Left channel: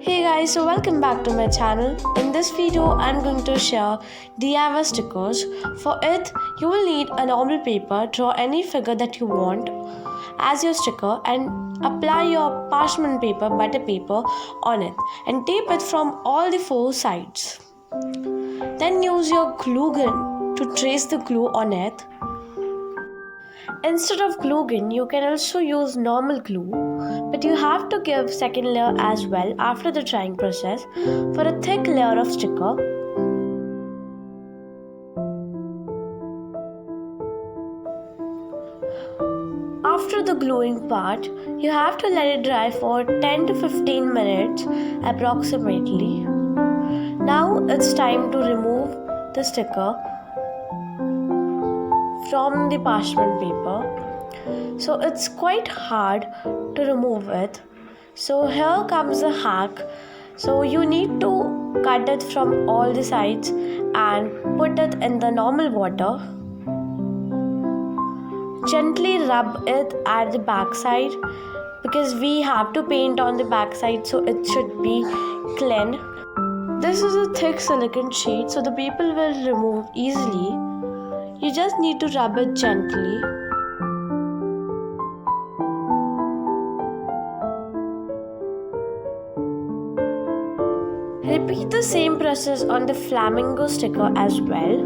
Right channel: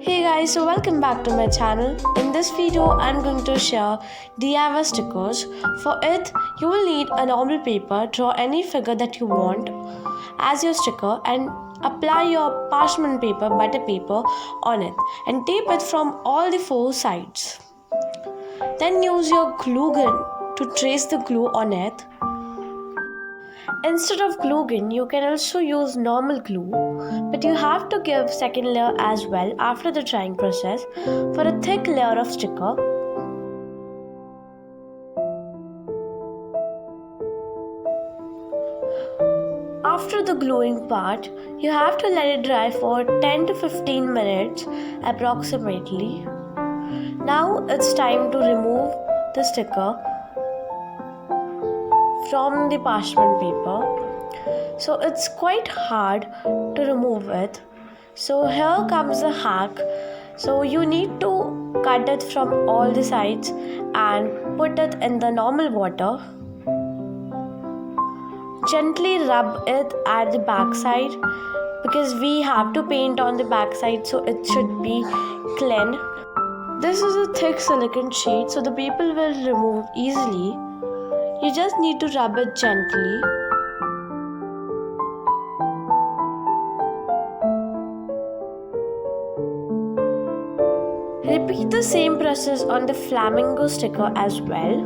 Hey guys, so welcome back to my channel. In this video, I'm going to share DIY stickers. For it, you will need a normal paper, draw any figure that you want as your sticker and apply your parchment paper, butter paper on it and tape it from all the four sides. Then use your glue gun to trace the glue on it. Instead of glue gun, you can also use normal glue, but you have to give second layer as well after the drying process for a thick layer of sticker. After the gluing part, you have to let it dry for 10 to 15 minutes approximately. Now it's time to remove the sticker from the parchment paper. So it's quite hard to remove it. So here comes the hack. So you need to cut it from all the sides and put it in the normal water. Gently rub it at the back side because we have to paint on the back side, so it should be clean. This is a thick silicone sheet, so the paper will remove easily. You just need to rub it gently. Repeat the same process on the flamingo sticker as well.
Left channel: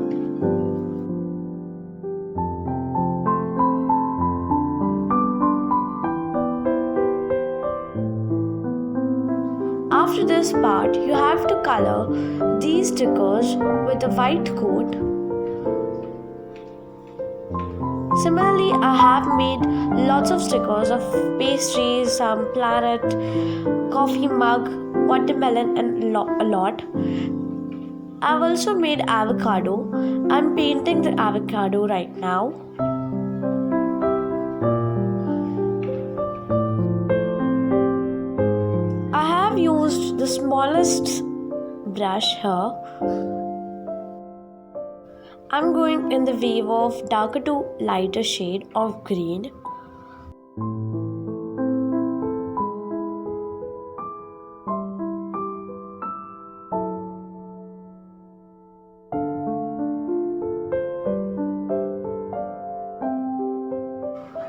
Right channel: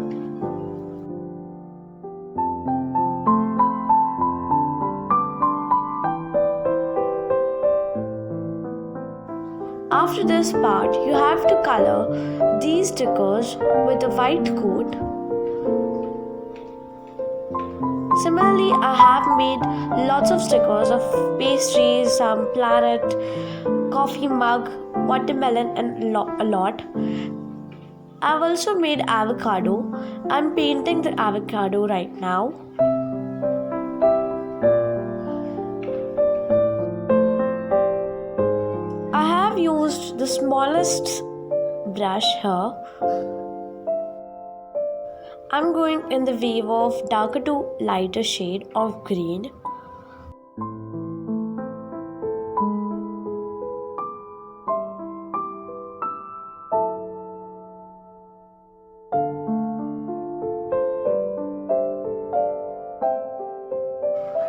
After this part, you have to color these stickers with a white coat. Similarly, I have made lots of stickers of pastries, some planet, coffee mug, watermelon and a lot. I've also made avocado. I'm painting the avocado right now. I have used the smallest brush here. I'm going in the wave of darker to lighter shade of green.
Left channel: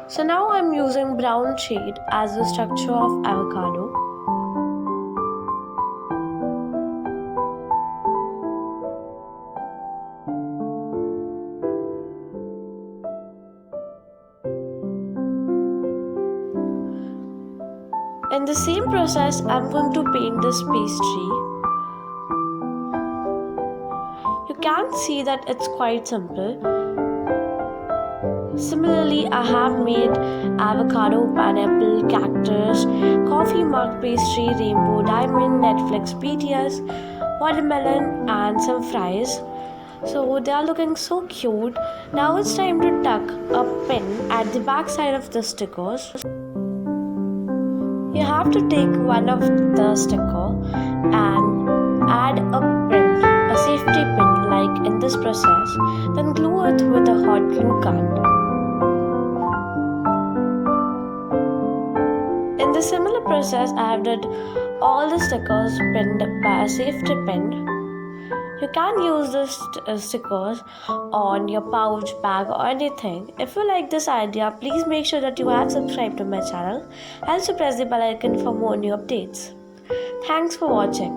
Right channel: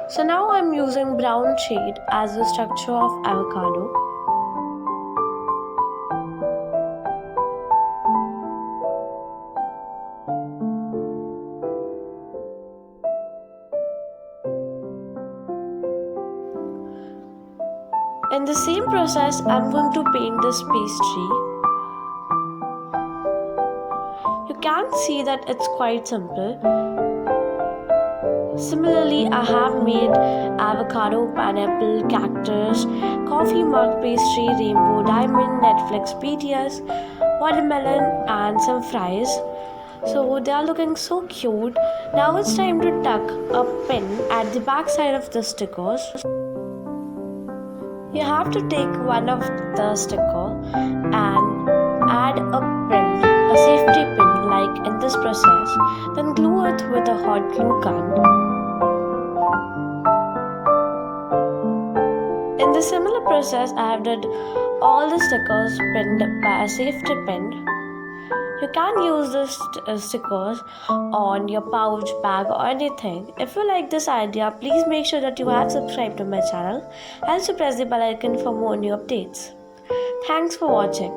So now I'm using brown shade as the structure of avocado. In the same process, I'm going to paint this pastry. You can see that it's quite simple. Similarly, I have made avocado, pineapple, cactus, coffee mug pastry, rainbow, diamond, Netflix, BTS, watermelon and some fries. So they are looking so cute. Now it's time to tuck a pin at the back side of the stickers. You have to take one of the sticker and add a pin, a safety pin like in this process, then glue it with a hot glue gun. In the similar process, I have did all the stickers pinned by a safety pin. You can use this stickers on your pouch, bag or anything. If you like this idea, please make sure that you have subscribed to my channel. Also press the bell icon for more new updates. Thanks for watching.